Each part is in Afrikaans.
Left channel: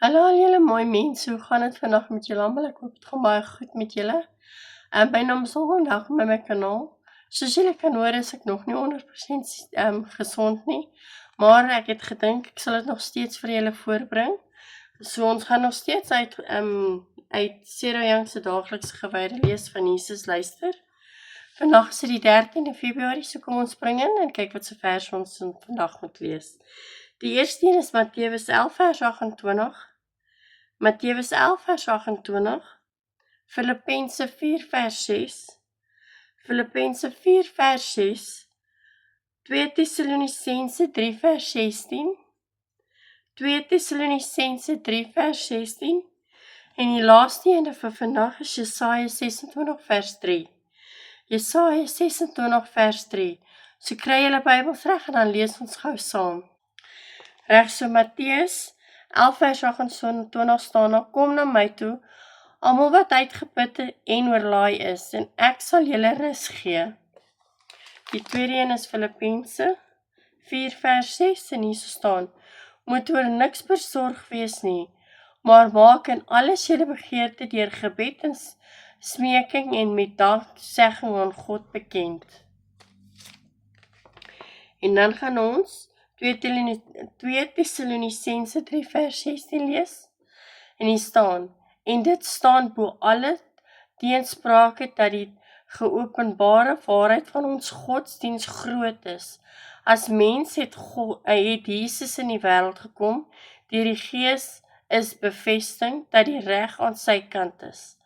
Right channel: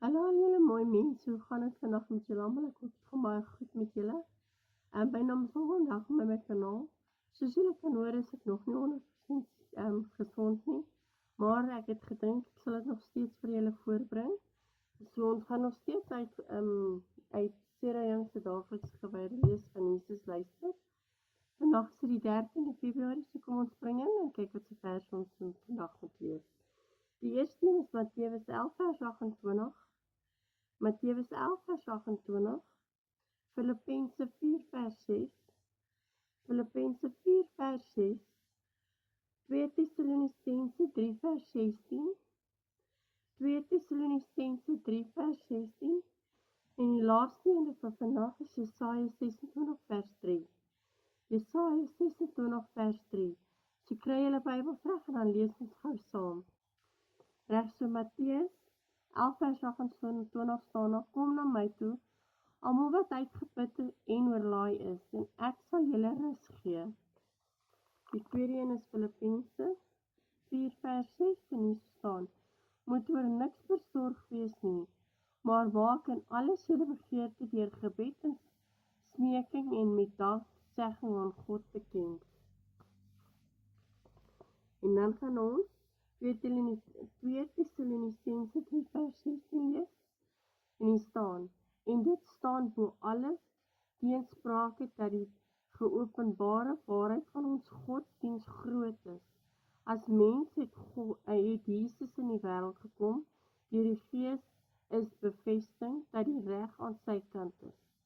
Hallo al julle mooi mense, hoe gaan dit vandag met julle almal? Ek hoop dit gaan baie goed met julle. My naam is Olga en welkom by my kanaal. Soos julle kan hoor is ek nog nie 100% gesond nie, maar ek het gedink ek sal dit nog steeds vir julle voorbring. So ons gaan nog steeds uit Sarah Young se daaglikse gewyde lees van Jesus luister. Vandag is dit die 13de Februarie, so kom ons spring in en kyk wat se vers ons vandag moet lees. Die eerste een is Matteus 11 vers 28. Matteus 11 vers 28, Filippense 4 vers 6, Filippense 4 vers 6, 2 Tessalonisense 3 vers 16, 2 Tessalonisense 3 vers 16, en die laaste ene vir vandag is Jesaja 26 vers 3. Jesaja 26 vers 3. So kry julle Bybels reg en dan lees ons gou saam. Reg, so Matteus 11 vers 28 staan daar, kom na my toe, almal wat uitgeput en oorlaai is, en ek sal julle rus gee. Die tweede een is Filippense 4 vers 6, en hier staan, moet oor niks besorg wees nie, maar maak in alles julle begeerte deur gebed en smeking en met danksegging aan God bekend. En dan gaan ons 2 Tessalonisense 3 vers 16 lees, en hier staan, en dit staan bo alle teensprake dat die geopenbare waarheid van ons godsdiens groot is. As mens het Jesus in die wêreld gekom, deur die Gees is bevestiging dat die reg aan sy kant is.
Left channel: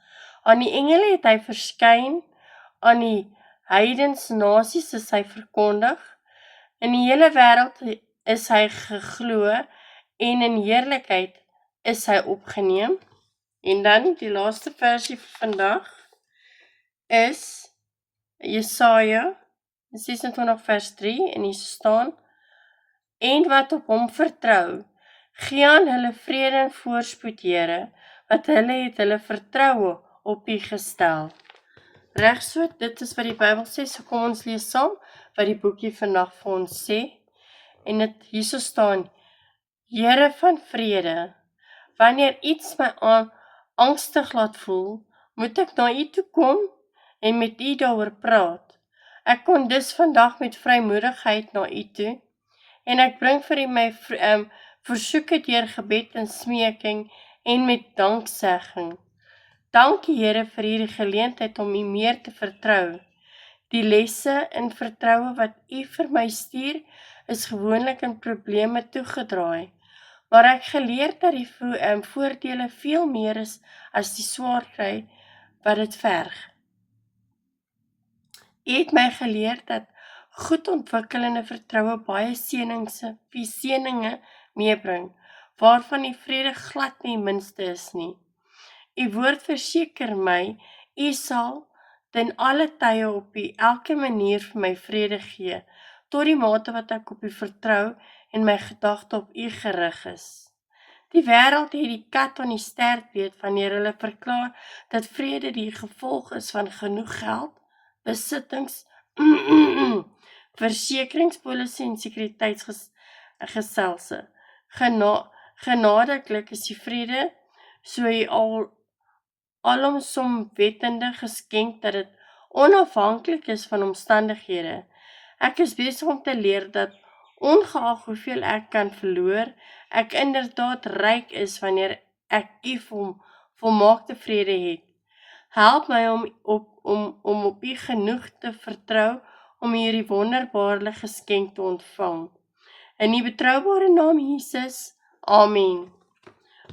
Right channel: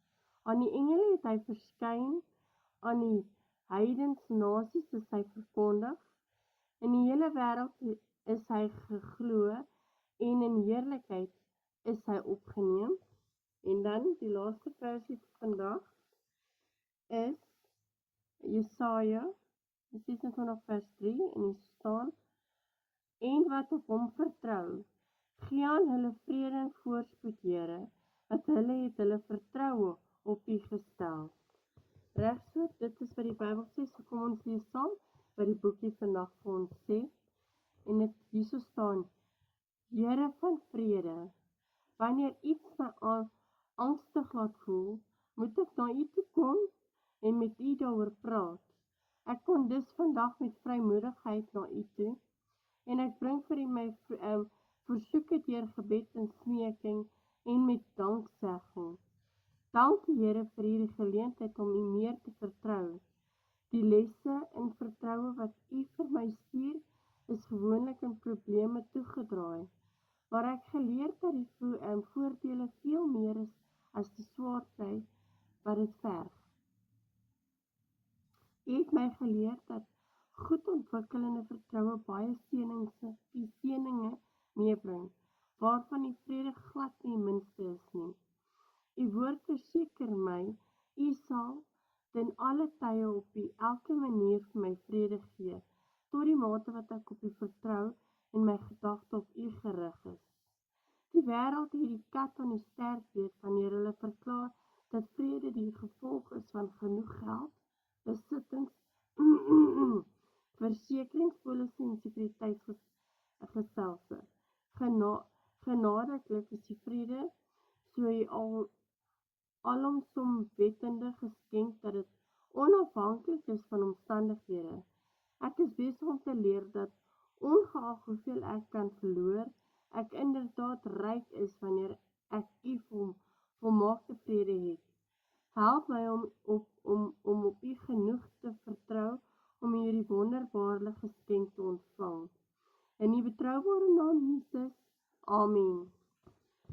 Aan die engele het hy verskyn, aan die heidens nasies is hy verkondig, in die hele wêreld is hy geglo en in heerlikheid is hy opgeneem. En dan die laaste versie vir vandag is Jesaja 26 vers 3 en hier staan, en wat op hom vertrou, gee aan hulle vrede en voorspoed, Here, wat hulle het hulle vertroue op U gestel. Reg so, dit is wat die Bybel sê, so kom ons lees saam wat die boekie vandag vir ons sê. En dit hierso staan, Here van vrede, wanneer iets my angstig laat voel, moet ek na U toe kom en met U daaroor praat. Ek kon dus vandag met vrymoedigheid na U toe, en ek bring vir U my versoeke deur gebed en smeking en met danksegging. Dankie Here vir hierdie geleentheid om U meer te vertrou. Die lesse in vertroue wat U vir my stuur, is gewoonlik in probleme toegedraai, maar ek geleer dat die voordele veel meer is as die swaar kry wat dit verg. U het my geleer dat goed ontwikkelende vertroue baie seëninge meebring, waarvan die vrede glad nie minste is nie. U woord verseker my, U sal ten alle tye op elke manier vir my vrede gee, tot die mate wat ek op U vertrou en my gedagte op U gerig is. Die wêreld het die kat aan die stert weet wanneer hulle verklaar dat vrede die gevolg is van genoeg geld, besittings, versekeringspolisse en sekuriteitsgestelse. Genadiglik is die vrede so alomsomwettende geskenk dat dit onafhanklik is van omstandighede. Ek is besig om te leer dat ongeag hoeveel ek kan verloor, ek inderdaad ryk is wanneer ek U volmaakte vrede het. Help my om op U genoeg te vertrou om hierdie wonderbare geskenk te ontvang. In die betroubare naam Jesus, Amen.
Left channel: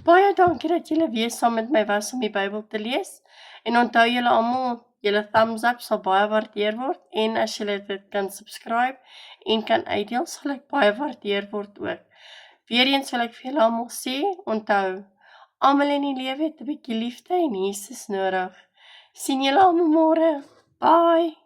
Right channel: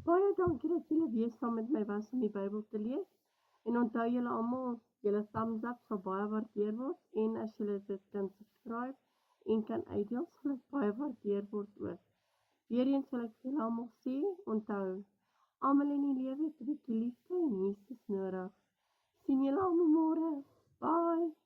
Baie dankie dat julle weer saam met my was om die Bybel te lees, en onthou julle almal, julle thumbs up sal baie waardeer word, en as julle dit kan subscribe en kan uitdeel, sal ek baie waardeer word ook. Weereens wil ek vir julle almal sê, onthou, almal in die lewe het 'n bietjie liefde en Jesus nodig. Sien julle almal môre. Bye.